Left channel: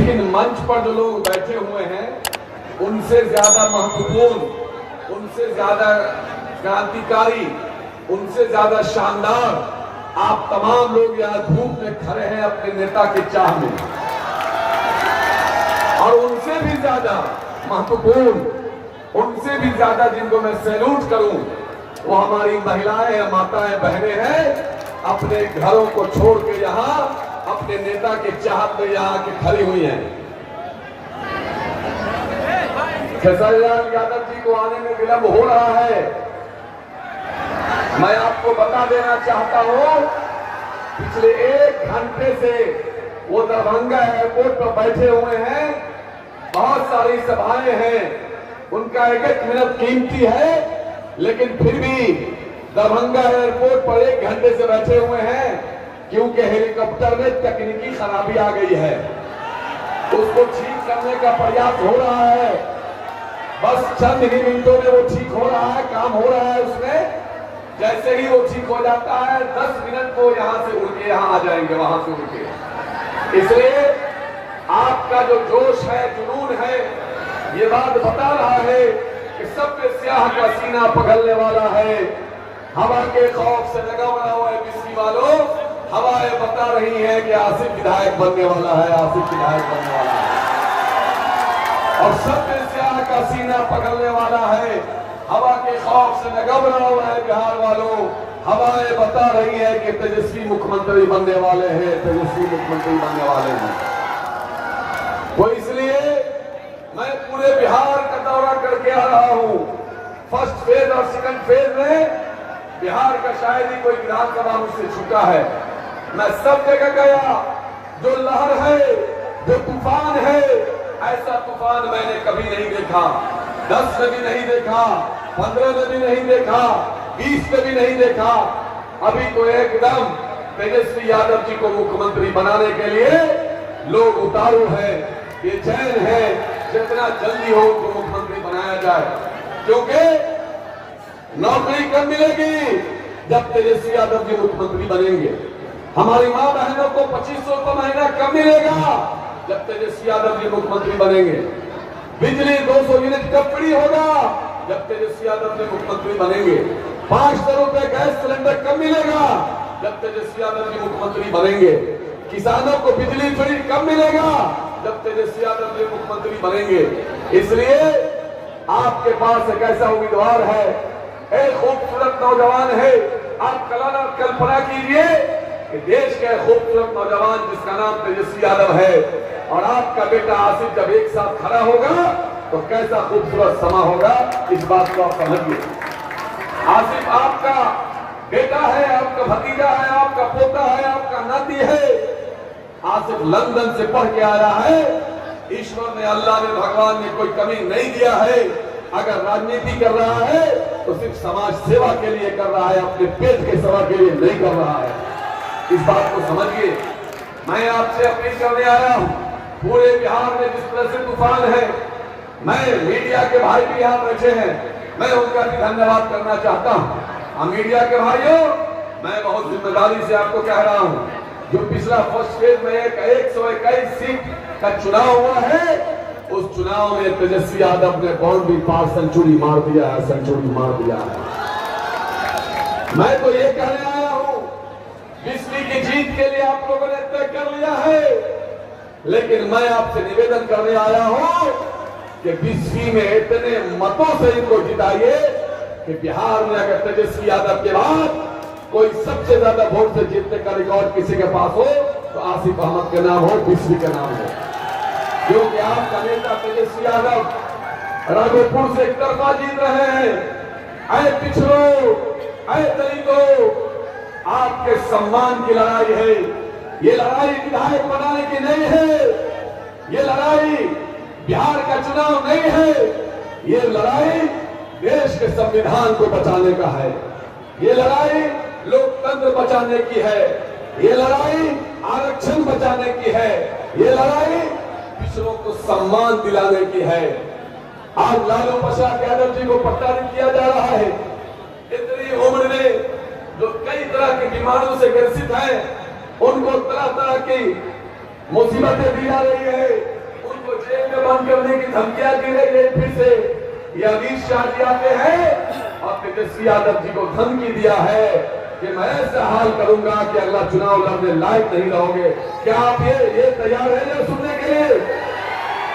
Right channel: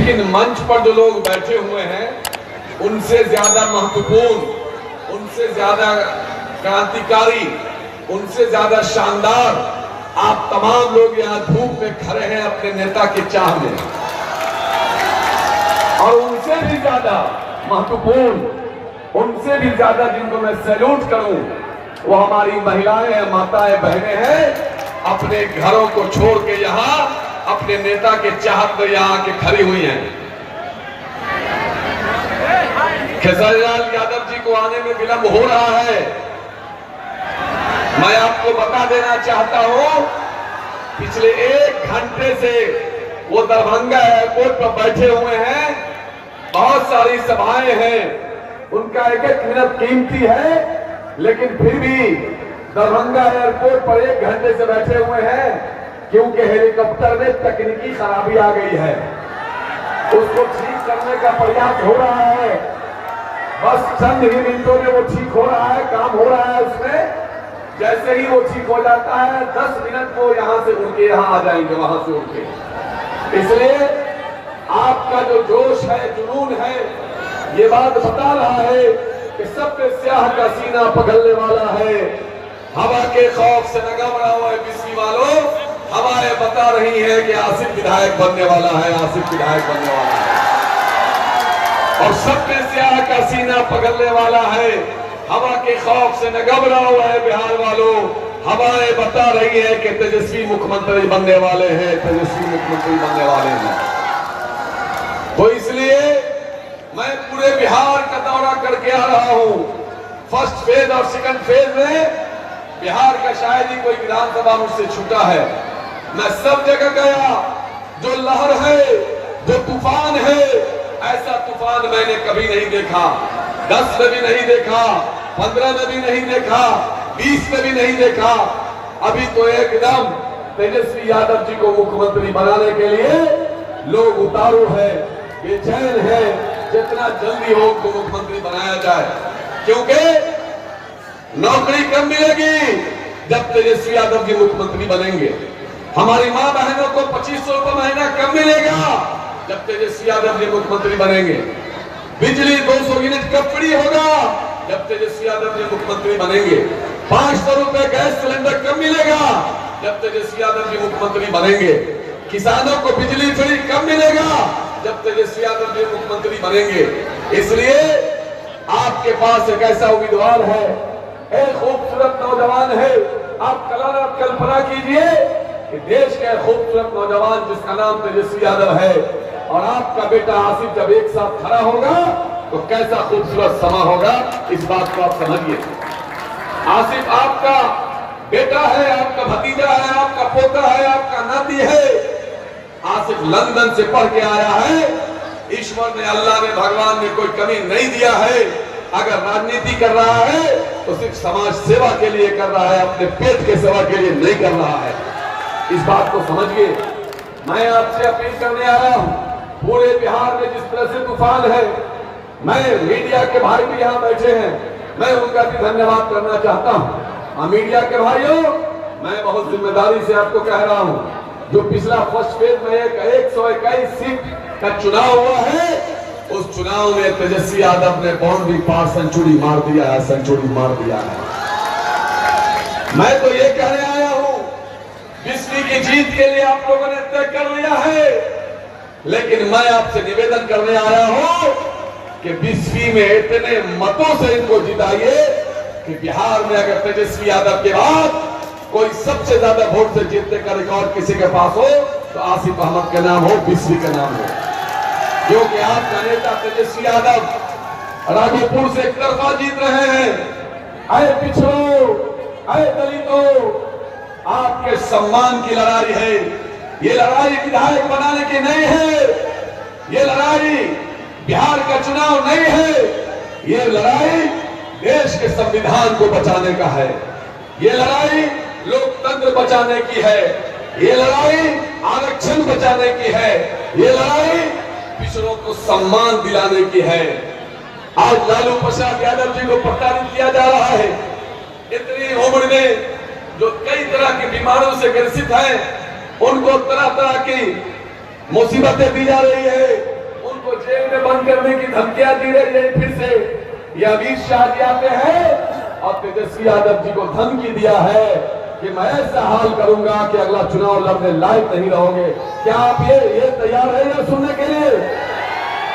लेकिन मंच पर जो लोग बैठे हुए हैं उनसे ज्यादा महत्वपूर्ण, उनसे ज्यादा क्रांतिकारी, उनसे ज्यादा शानदार आप तमाम लोग यहाँ धूप में खड़े हैं अपने नेता की चाह में। और उनसे भी ज्यादा महत्वपूर्ण, उनसे भी ज्यादा जिनको मैं सैल्यूट करूं, वो हमारी महिलाएं हैं, माताएं, बहनें हैं, अपने घरों को छोड़ के यहाँ अपने नेता के चाहत में यहाँ आके खड़ी हुई हैं। खेसारी लाल यादव जी को आने में विलंब हो रहा है। मैं आपको बता देना चाहता हूं, पिछले 1 घंटे से वो दरभंगा एयरपोर्ट पर बैठे हुए हैं। बहुत सारी सभाएं हैं, उनका 1-1 मिनट कीमती है, लेकिन फिर भी दरभंगा एयरपोर्ट पर 1 घंटे से बैठे हुए हैं, क्योंकि हेलीकॉप्टर में तकनीकी खराबी आ गई है। उसको ठीक करने का प्रयास हो रहा है, बस चंद ही मिनटों में वो ठीक हो रहा है, काम हो रहा है उसमें। जैसे ही वो ठीक हो जाता है 10 मिनट को यहां से उड़ के यहां आ जाएंगे, वहां से उड़ के। इसलिए आपका जो जोश है, जुनून है, ये बात बता रहा है कि सबके स्याह का सीना पगलने वाला है। हवा के खौफ से न घबरा हुआ है बिस्सी वालों, हवाएं बता रही हैं कि आसिफ विधायक बनने वाला है, आसिफ विधायक बनने वाला है। और सबके स्याह का सीना पगलने वाला है। हवा के खौफ से न घबरा हुआ है बिहार वालों, हवाएं बता रही है कि तेजस्वी मुख्यमंत्री बनने वाले हैं, तेजस्वी मुख्यमंत्री बनने वाले हैं। तो इसलिए मैं पूरे बिहार का दौरा करके आ रहा हूं। फर्स्ट फेज और सेकंड फेज में बिहार का शायद ही कोई विधानसभा मुझसे छूटा है। मैं सब जगह गया। जो लहर है, जो तूफान है, ऐसा तूफान मैंने कभी नहीं देखा। 10 में भी नहीं देखा, 15 में भी नहीं देखा, 20 में भी नहीं देखा। अभी तो एकदम तेजस्वी यादव जी को मुख्यमंत्री बनाने के लिए लोग उतारू है, बेचैन है, जितना जल्दी हो उनको मुख्यमंत्री बनाया जाए। क्योंकि नौकरी कब मिलेगी? जब तेजस्वी यादव जी मुख्यमंत्री बनेंगे। हमारी मां बहनों को 2500 रुपये महीना कब मिलेगा? जब तेजस्वी यादव जी मुख्यमंत्री बनेंगे। बिजली 200 यूनिट कब फ्री होगा? जब तेजस्वी यादव जी मुख्यमंत्री बनेंगे। 500 रुपए गैस सिलेंडर कब मिलेगा? जब तेजस्वी यादव जी मुख्यमंत्री बनेंगे। किसानों को बिजली फ्री कब मिलेगा? जब तेजस्वी यादव जी मुख्यमंत्री बनेंगे। इसलिए आपके पास एक ऐसा उम्मीदवार है, एक खूबसूरत नौजवान है। आप कल्पना कीजिए कि देश का खूबसूरत नौजवान जिसका नाम तेजस्वी यादव है और आपका बेटा आसिफ जब एक साथ खड़ा होगा तो कैसा खूबसूरत समा होगा, इस बात को आप समझिए। आसिफ आपका बेटा है, आपका भतीजा है, आपका पोता है, आपका नाती है। आसिफ लंदन से पढ़ के आया है। ईश्वर ने, अल्लाह ने, भगवान ने कोई कमी नहीं दिया है। अगर राजनीति कर रहा है तो सिर्फ समाज सेवा के लिए कर रहा है, अपने पेट के सेवा के लिए नहीं कर रहा है। इस बात को समझिए। मैं आपसे अपील करने आया हूं, पूरे बिहार में जिस तरह से तूफान है, मैं मीडिया के भाई भी यहाँ बैठे हैं, मैं उनका भी धन्यवाद करना चाहता हूँ। मीडिया के भाइयों, मैं बहुत जिम्मेदारी से आपको कह रहा हूँ, जो पिछला फर्स्ट फेज में 121 सीट का चुनाव हुआ है, उस चुनाव में तेजस्वी यादव ने बाउंड्री पार सेंचुरी मार दिया है, सेंचुरी मार दिया है। मैं तो ये कहने आया हूँ, 20वीं की जीत के लिए आप लोगों ने तय कर लिया है, लेकिन मैं आपसे निवेदन करने आया हूँ कि 20वीं में इतने मतों से इनको जिताइए कि बिहार में अगर तेजस्वी यादव के बाद कोई सबसे ज्यादा वोट से जीतने का रिकॉर्ड किसी के पास हो तो आसिफ अहमद के नाम हो, 20वीं का नाम हो। क्योंकि आपका नेता तेजस्वी यादव राघोपुर से एक तरफा जीत रहे हैं। आए पिछड़ों, आए दलितों, आपके सम्मान की लड़ाई है। ये लड़ाई विधायक बनाने की नहीं है, ये लड़ाई बिहार का चुनाव नहीं है, ये लड़ाई देश के संविधान को बचाने का है, ये लड़ाई लोकतंत्र बचाने की है, ये लड़ाई आरक्षण बचाने की है, ये लड़ाई पिछड़ों को सम्मान दिलाने की है। आज लालू प्रसाद यादव जी को प्रताड़ित किया जा रहा है। इतनी उम्र में जो कई तरह की बीमारियों से ग्रसित हैं, उनको तरह तरह की मुसीबतें दी जा रही है। में बंद करने की धमकियां दी रही है फिर से। ये अमित शाह जी आते हैं और तेजस्वी यादव जी को धमकी दिया है कि मैं ऐसा हाल करूंगा कि अगला चुनाव लड़ने लायक नहीं रहोगे। क्या आप ये तैयार है ये सुनने के लिए?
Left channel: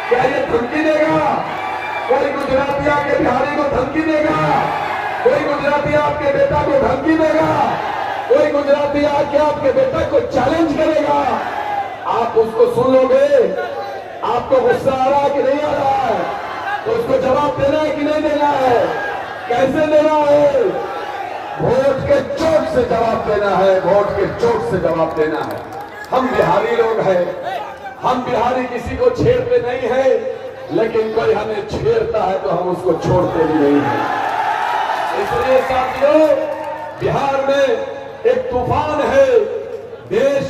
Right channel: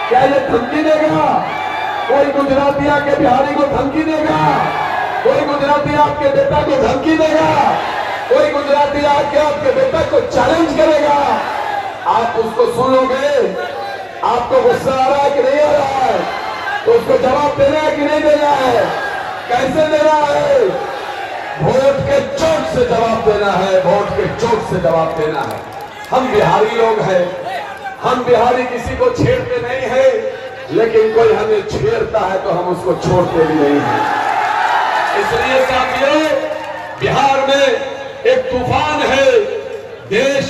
क्या ये धमकी देगा? कोई गुजराती आके बिहारी को धमकी देगा? कोई गुजराती आपके बेटा को धमकी देगा? कोई गुजराती आके आपके बेटा को चैलेंज करेगा? आप उसको सुन लोगे? आपको गुस्सा आ रहा है कि नहीं आ रहा है? तो उसको जवाब देना है कि नहीं देना है? कैसे देना है? वोट के चोट से जवाब देना है, वोट के चोट से जवाब देना है। हम बिहारी लोग हैं, हम बिहारी किसी को छेड़ते नहीं है, लेकिन कोई हमें छेड़ता है तो हम उसको छोड़ते भी नहीं है। इसलिए साथियों, बिहार में एक तूफान है। देश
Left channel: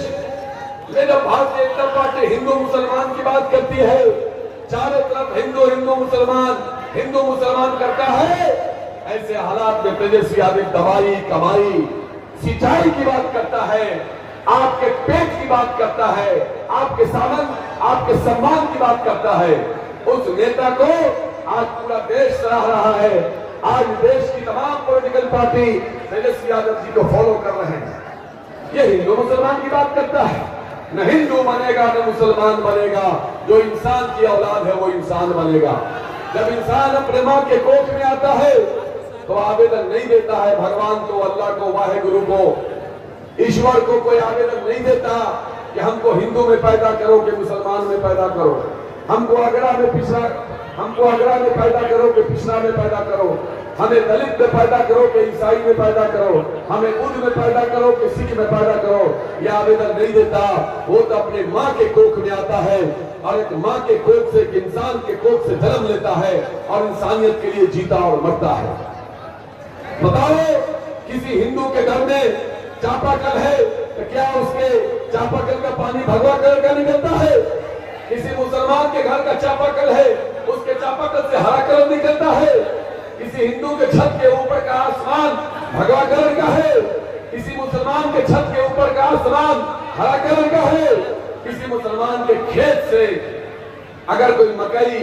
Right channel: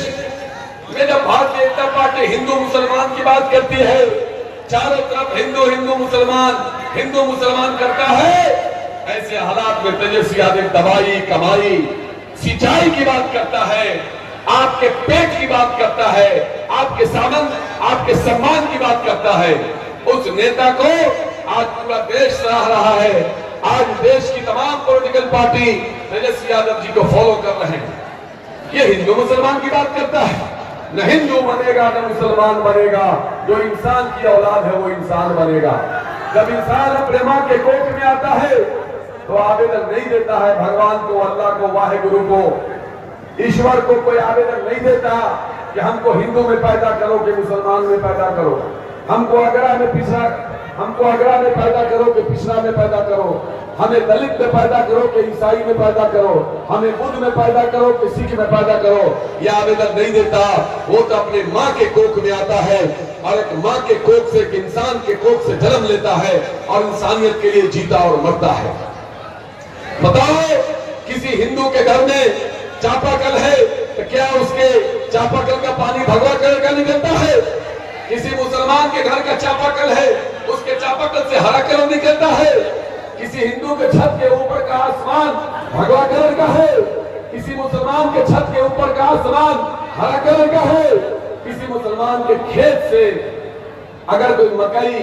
में जब भारतीय जनता पार्टी हिंदू मुसलमान की बात करती है, चारों तरफ हिंदू हिंदू मुसलमान करता है, ऐसे हालात में तेजस्वी यादव दवाई, कमाई, सिंचाई की बात करता है, आपके पेट की बात करता है, आपके सामन, आपके सम्मान की बात करता है। उस नेता को आज पूरा देश सराह रहा है। आज देश की तमाम पॉलिटिकल पार्टी तेजस्वी यादव जी को फॉलो कर रहे हैं। ये हिंदू मुसलमान की बात करता है, न हिंदू बनेगा न मुसलमान बनेगा। जो इंसान की औलाद है वो इंसान बनेगा। जब इंसान अपने मां के कोख में आता है तो आवेदन नहीं देता है भगवान को, अल्लाह को, वाहेगुरु को, ईश्वर को कोई आवेदन नहीं देता कि हमको हिंदू में पैदा करो कि मुसलमान में पैदा करो, हमको अगड़ा में पैदा करो कि पिछड़ा में पैदा करो, हमें दलित में पैदा करो कि ईसाई में पैदा करो, हमें बुद्ध में पैदा करो कि सिख में पैदा करो। यह आवेदन नहीं देता। वो तो अपने माँ के कोख में आता है और एक माँ के कोख से, एक इंसान के कोख से जन्म लेता है और इंसानियत के लिए जीता और मरता है। बताओ, किसी हिंदू के घर में चापाकल है तो क्या उसके चापाकल का पानी भगवा कलर का निकलता है? किसी मुसलमान के घर का चापाकल है, उसके चापाकल से हरा कलर निकलता है? किसी हिंदू के छत के ऊपर का आसमान भगवा कलर का है, किसी मुसलमान के छत के ऊपर का आसमान हरा कलर का है। किसी मुसलमान के खेत से अगर कोई मकई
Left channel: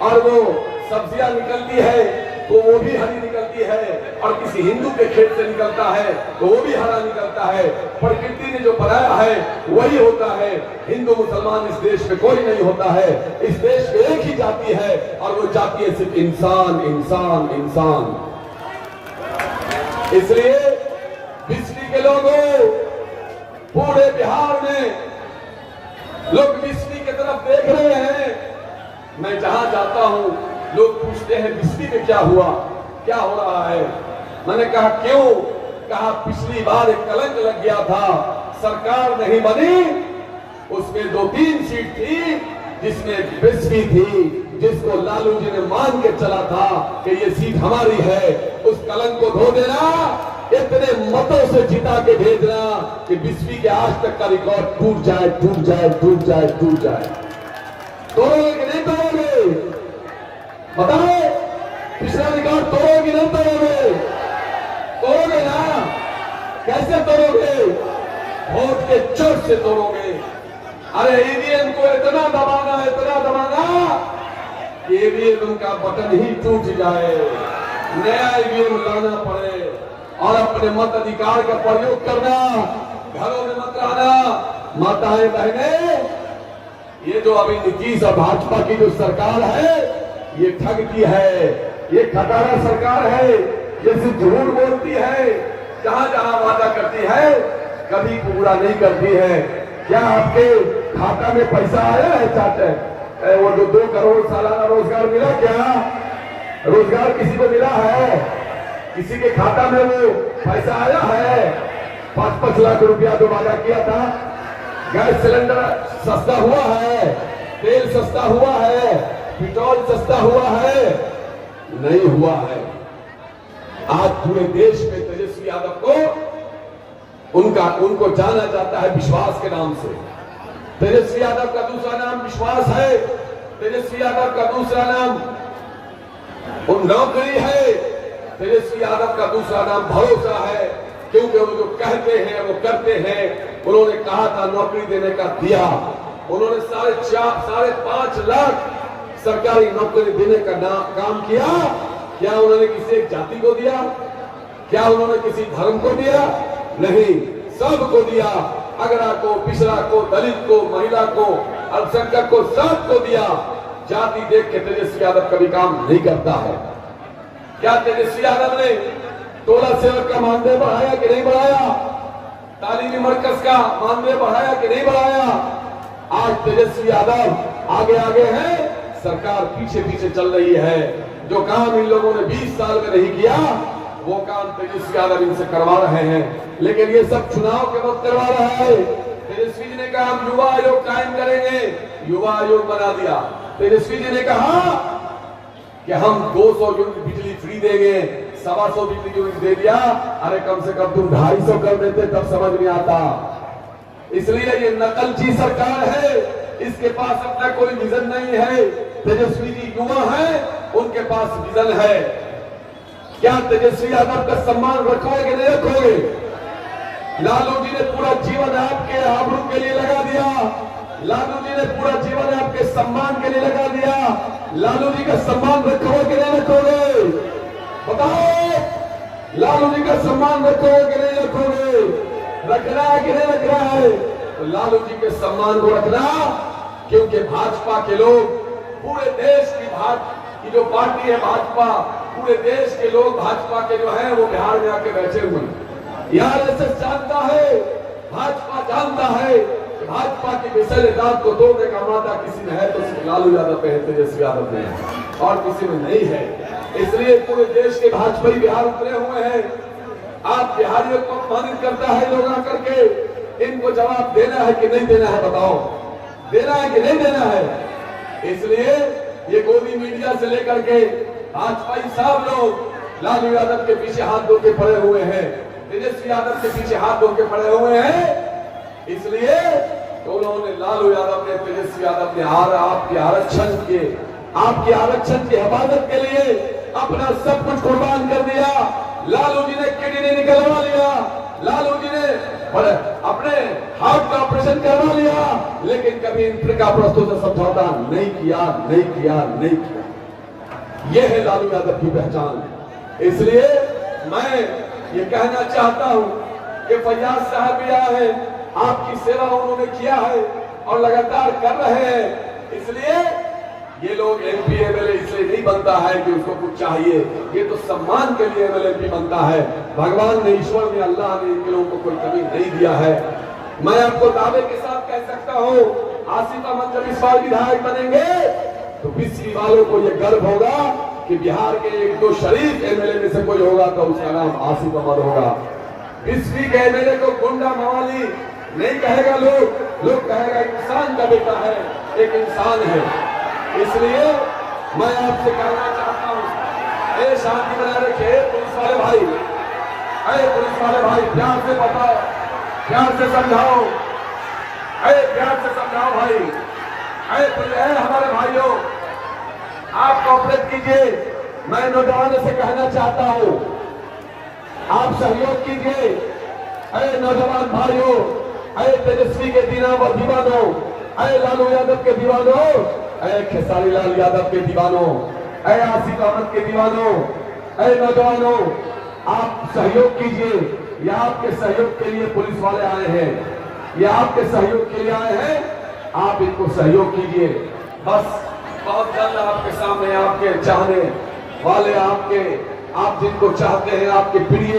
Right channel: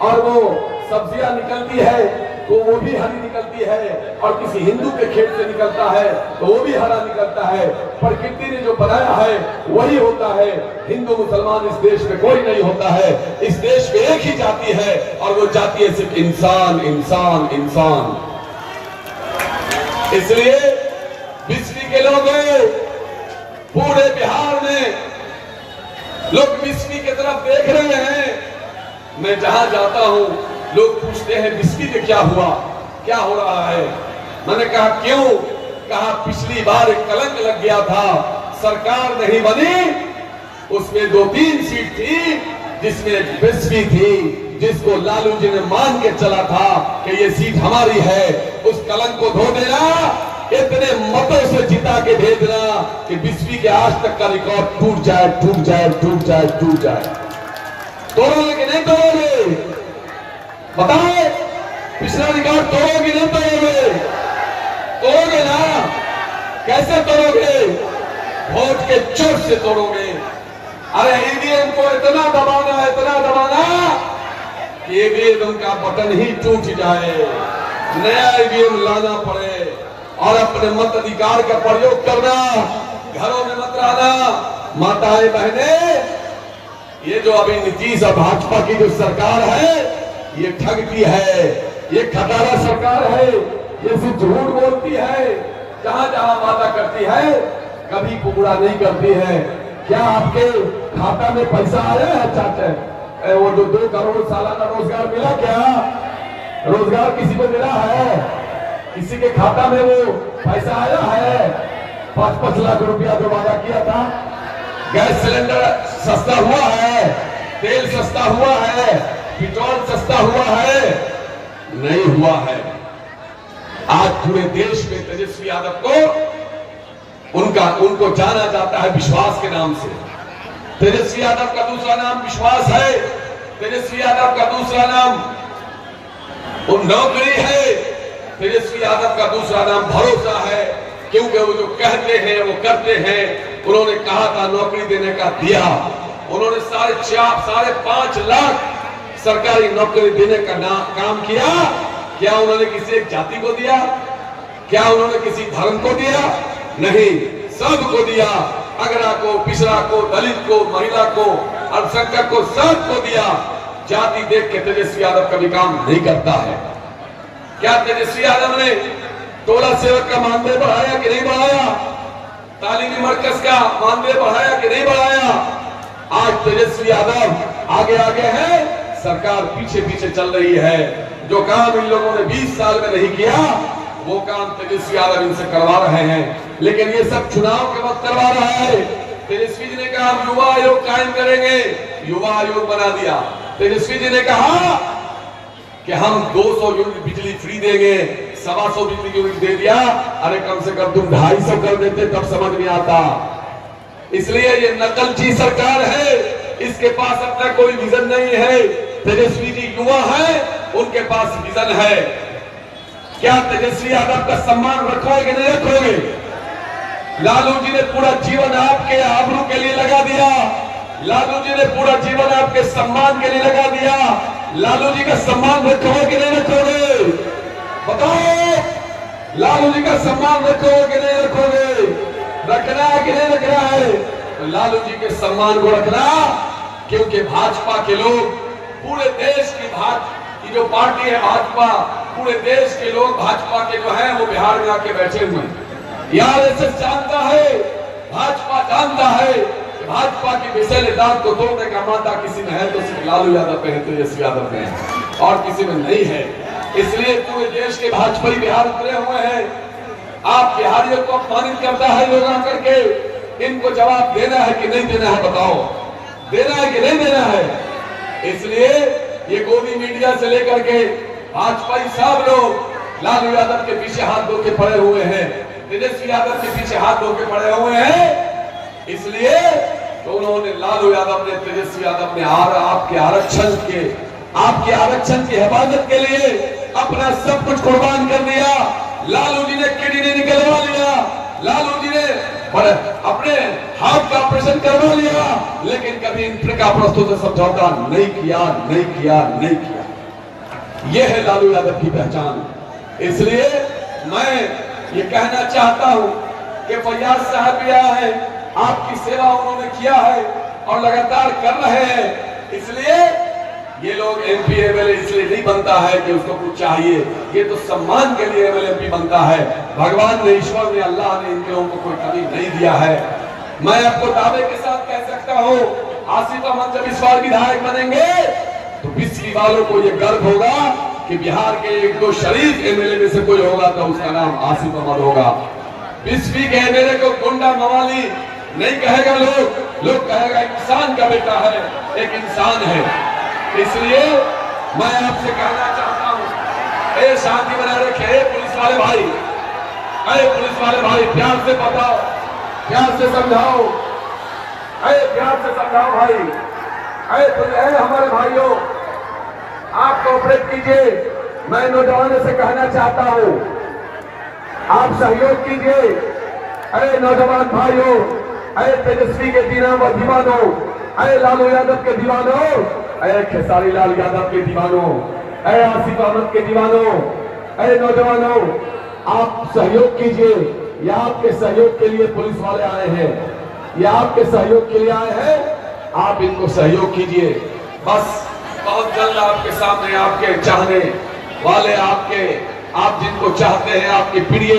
और वो सब्जियां निकलती है तो वो भी हरी निकलती है, और किसी हिंदू के खेत से निकलता है तो वो भी हरा निकलता है। प्रकृति ने जो बनाया है वही होता है। हिंदू मुसलमान इस देश में कोई नहीं होता है। इस देश में एक ही जाति है और वो जाति है सिर्फ इंसान, इंसान, इंसान। इसलिए बिस्वी के लोग पूरे बिहार में लोग बिस्वी की तरफ देख रहे हैं। मैं जहां जाता हूं लोग पूछते हैं बिस्वी में क्या हुआ, क्या हो रहा है? मैंने कहा क्यों? कहा पिछली बार एक कलंक लग गया था, सरकार नहीं बनी, उसमें 2-3 सीट थी जिसमें बिस्वी थी, जिसको लालू जी ने मान के चला था कि ये सीट हमारी है। उस कलंक को धो देना, इतने मतों से जिता के भेजना कि बिस्वी के आज तक का रिकॉर्ड टूट जाए, टूट जाए, टूट जाए, टूट जाए। तोड़ोगे कि नहीं तोड़ोगे? बताओ, पिछला रिकॉर्ड तोड़ोगे नहीं तोड़ोगे? तोड़ोगे ना? कैसे तोड़ोगे? वोट के चोट से तोड़ोगे। अरे ईवीएम को इतना दबाना कि ईवीएम का बटन ही टूट जाए, नया ईवीएम लाना पड़े और अपने मत अधिकार का प्रयोग करना। घरों में मत रहना। माताएं बहने, ये जो अभी नीतीश और भाजपा की जो सरकार है ये ठगती है, ये खटारा सरकार है, ये सिर्फ झूठ बोलती है, जहां जहां वादा करती है कभी पूरा नहीं करती है। क्या आपके खाता में पैसा आया है चाचा? वो जो 2 करोड़ सालाना रोजगार मिला, क्या रोजगार किसी को मिला है? किसी के खाता में वो पैसा आया है? 5-5 लाख रुपया जो वादा किया था। गैस सिलेंडर सस्ता हुआ है, तेल सस्ता हुआ है, पेट्रोल सस्ता हुआ है? नहीं हुआ है। आज पूरे देश में तेजस्वी यादव को उनको जाना जाता है विश्वास के नाम से। तेजस्वी यादव का दूसरा नाम विश्वास है। तेजस्वी यादव का दूसरा नाम नौकरी है। तेजस्वी यादव का दूसरा नाम भरोसा है, क्योंकि वो जो कहते हैं वो करते हैं। उन्होंने कहा था नौकरी देने का, दिया। उन्होंने 4.5 लाख सरकारी नौकरी देने का काम किया? क्या उन्होंने किसी एक जाति को दिया? क्या उन्होंने किसी धर्म को दिया? नहीं, सबको दिया। अगरा को, पिछड़ा को, दलित को, महिला को, अल्पसंख्यक को, सबको दिया। जाति देख के तेजस्वी यादव कभी काम नहीं करता है। क्या तेजस्वी यादव ने टोला सेवक का मानदेय बढ़ाया कि नहीं बढ़ाया? तालीमी मरकज का मानदेय बढ़ाया कि नहीं बढ़ाया? आज तेजस्वी यादव आगे आगे है, सरकार पीछे पीछे चल रही है। जो काम इन लोगों ने 20 साल में नहीं किया, वो काम तेजस्वी यादव इनसे करवा रहे हैं। लेकिन ये सब चुनाव के वक्त करवा रहा है। तेजस्वी जी ने कहा हम युवा आयोग कायम करेंगे, युवा आयोग बना दिया। तेजस्वी जी ने कहा कि हम 200 यूनिट बिजली फ्री देंगे, 125 बिजली यूनिट दे दिया। अरे कम से कम तुम 250 कर देते, तब समझ में आता। इसलिए ये नकलची सरकार है, इसके पास अपना कोई विजन नहीं है। तेजस्वी जी युवा है, उनके पास विजन है। क्या तेजस्वी यादव का सम्मान रखोगे कि नहीं रखोगे? लालू जी ने पूरा जीवन आपके आबरू के लिए लगा दिया। लालू जी ने पूरा जीवन आपके सम्मान के लिए लगा दिया। लालू जी का सम्मान रखोगे कि नहीं रखोगे? बताओ, लालू जी का सम्मान रखोगे कि नहीं रखोगे? रखना है कि नहीं रखना है? तो लालू जी के सम्मान को रखना, क्योंकि भाजपा के लोग पूरे देश की जो पार्टी है भाजपा, पूरे देश के लोग भाजपा के जो हैं वो बिहार में आके बैठे हुए हैं। आरएसएस जानता है, भाजपा जानता है कि भाजपा की विषैले दांत को तोड़ने का माता किसी में है तो सिर्फ लालू यादव में है, तेजस्वी यादव में है, और किसी में नहीं है। इसलिए पूरे देश के भाजपा बिहार उतरे हुए हैं। आप बिहारियों को अपमानित करता है लोग आकर के, इनको जवाब देना है कि नहीं देना है? बताओ, देना है कि नहीं देना है? इसलिए ये गोदी मीडिया से लेकर के भाजपाई सब लोग लालू यादव के पीछे हाथ धो के पड़े हुए हैं, तेजस्वी यादव के पीछे हाथ धो के पड़े हुए हैं। इसलिए तो उन्होंने, लालू यादव ने, तेजस्वी यादव ने आपके आरक्षण की हिफाजत के लिए अपना सब कुछ कुर्बान कर दिया। लालू जी ने किडनी निकलवा लिया, लालू जी ने अपने हाथ का ऑपरेशन करवा लिया, लेकिन कभी इंद्रप्रस्थों से समझौता नहीं किया। यह है लालू यादव की पहचान। इसलिए मैं ये कहना चाहता हूं कि फैयाज साहब भी आया है, आपकी सेवा उन्होंने किया है और लगातार कर रहे हैं। इसलिए ये लोग एमपी एमएलए इसलिए नहीं बनता है कि उसको कुछ चाहिए, ये तो सम्मान के लिए एमएलए एमपी बनता है। भगवान ने, ईश्वर ने, अल्लाह ने इनके लोगों को कोई कमी नहीं दिया है। मैं आपको दावे के साथ कह सकता हूँ, आसिफ अहमद जब इस बार विधायक बनेंगे तो बिस्फी वालों को ये गर्व होगा कि बिहार के 1-2 शरीफ एमएलए में से कोई होगा तो उसका नाम आसिफ अहमद होगा। बिस्फी के एमएलए को गुंडा मवाली नहीं कहेगा, लोग कहेगा इंसान का बेटा है, एक इंसान है। इसलिए मैं आपसे कहना चाहता हूँ, शांति बनाए रखे पुलिस वाले भाई, पुलिस वाले भाई, प्यार से बताओ, प्यार से समझाओ, प्यार से समझाओ भाई। हमारे भाइयों, आप कोऑपरेट कीजिए। मैं नौजवानों से कहना चाहता हूँ, आप सहयोग कीजिए। नौजवान भाइयों, तेजस्वी के दीवानों, लालू यादव के दीवानों, खेसारी लाल यादव के दीवानों, आसिफ अहमद के दीवानों, नौजवानों, आप सहयोग कीजिए। यह आपके सहयोग के लिए पुलिस वाले आए हैं, यह आपके सहयोग के लिए आए हैं, आप इनको सहयोग कीजिए। बस बहुत जल्द आपके सामने आपके चाहने वाले, आप जिनको चाहते हैं, आपके प्रिय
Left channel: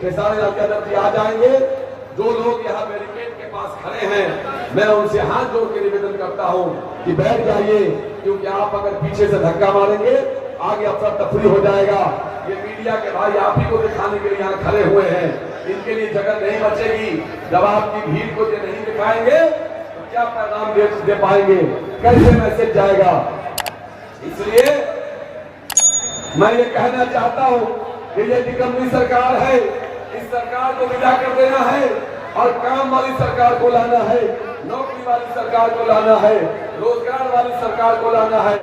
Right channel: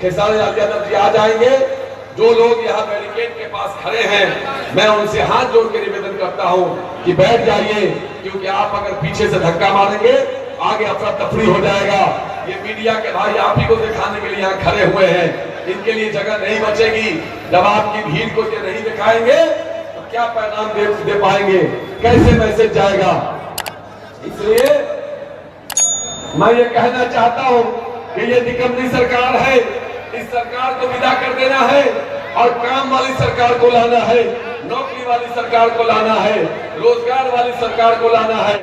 खेसारी लाल यादव जी आ जाएंगे। जो लोग यहाँ बैरिकेड के पास खड़े हैं, मैं उनसे हाथ जोड़ के निवेदन करता हूँ कि बैठ जाइए, क्योंकि आप अगर पीछे से धक्का मारेंगे आगे अफरा तफरी हो जाएगा। ये मीडिया के भाई आप ही को दिखाने के लिए यहाँ खड़े हुए हैं, इनके लिए जगह नहीं बचेगी। जब आपकी भीड़ को ये नहीं दिखाएंगे तो क्या पैगाम दे पाएंगे, कैसे मैसेज जाएगा? इसलिए मैं ये कहना चाहता हूँ कि ये निकम्मी सरकार है, इस सरकार को विदा कर देना है और काम वाली सरकार को लाना है, नौकरी वाली सरकार को लाना है, रोजगार वाली सरकार को लाना है।